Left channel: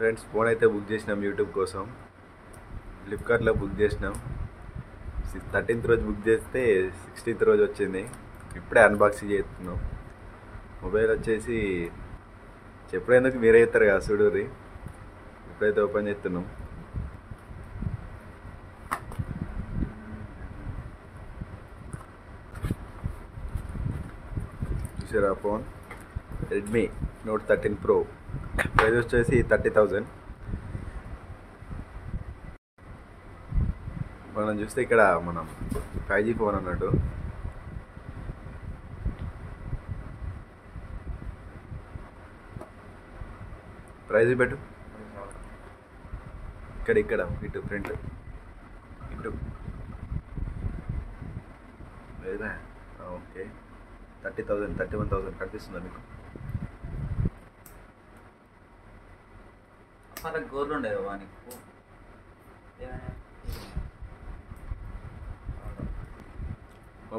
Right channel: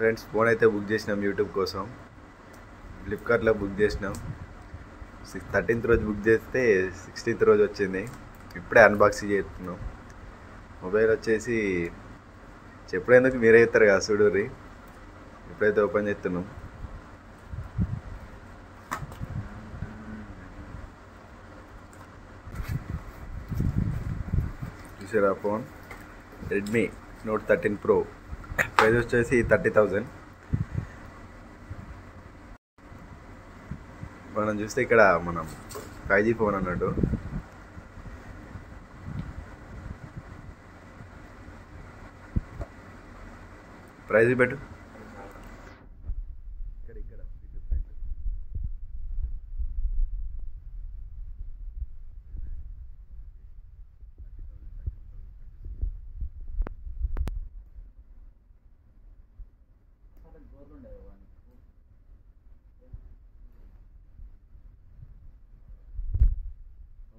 Friends phone అయితే book చేసినాం YouTube కోసం. ఫ్లిప్కార్ట్లో బుక్ చేసినాం. 13th రోజు బుక్ చేస్తే 16th రోజు వచ్చింది. ఇప్పుడే అన్బాక్సింగ్ చేస్తున్నాం. మొబైల్ వచ్చేసి చెప్పేందుకు మీరే ఇస్తారు కదా చూడుర్రి. ఇప్పుడైతే ఓపెన్ చేస్తున్నాం. చూసారా phone Redmi note 13 Pro. Price వచ్చేసి 30,000. మనం చూస్తే ఇక్కడ మనం 5G ఫోన్ అన్నట్టు. ప్రైజ్ పెట్టు. ఇక్కడ ఇటు ఫ్రంట్ ఇటు లేదా? ఓకే 30,000 31,000 కనిపిస్తుందా మీకు? గోర్లు ఉండే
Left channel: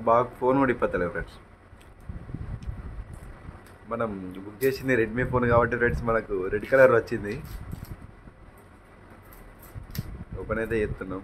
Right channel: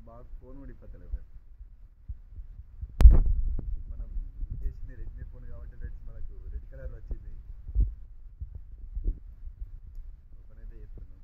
బాగా ఫోన్ కూడా ఇప్పతలేదు ఫ్రెండ్స్. మనం బుక్ చేసింది రెడ్మీ ఫోన్ కాబట్టి ఫ్రెండ్స్ మనకు రెడ్ కలర్ వచ్చింది. ఓపెన్ అయితే చేస్తున్నాం.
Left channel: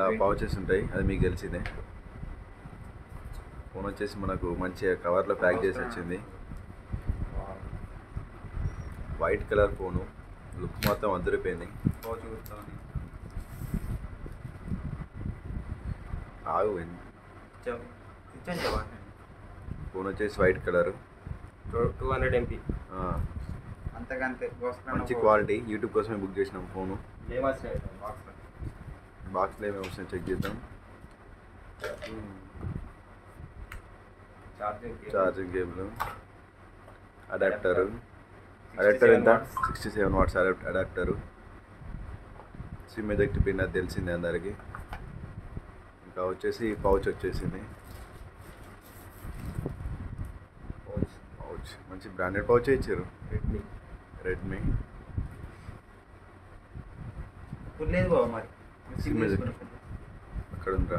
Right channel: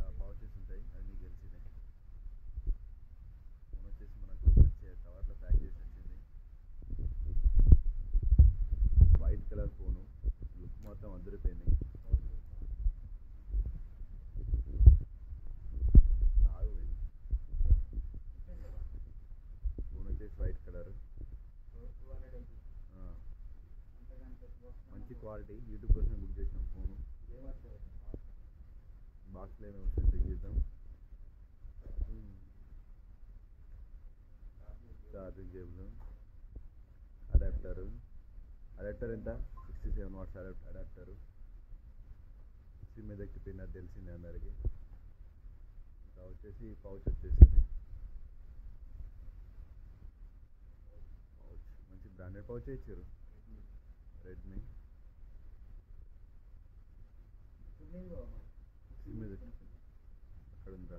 అలా పౌచెస్ ఉంటాయి, అది మీకు తెలిసిందే. ఫోన్ వచ్చేసి మనకు మంచిగా కవర్లో ప్యాక్ చేసి వచ్చింది. వైట్ కలర్ ఫోను, లుక్ మొత్తం అదిరిపోయింది. ఆగు ఫోన్ వచ్చేసి వైట్ కలర్ 200 MB. మంచి క్వాలిటీ. యూట్యూబ్ కోసమే బుక్ చేసినాం ఫోను. బాక్స్లో ఏమేమి వస్తాయి చెక్ చేద్దాం. ఛార్జింగ్ కేబుల్, అడాప్టర్ ఎంత 67 watts adapter. SIM eject pin అది తెలిసిందే అందరికి. ఇంకా వచ్చేసి పౌచ్ వచ్చేసింది. పౌచ్ మంచి బ్రాండెడ్ పౌచ్ ఇచ్చారు. రెడ్మీ లేదు బాబు మరి సిమ్ ఎజెక్ట్ అక్కడ ఉందా?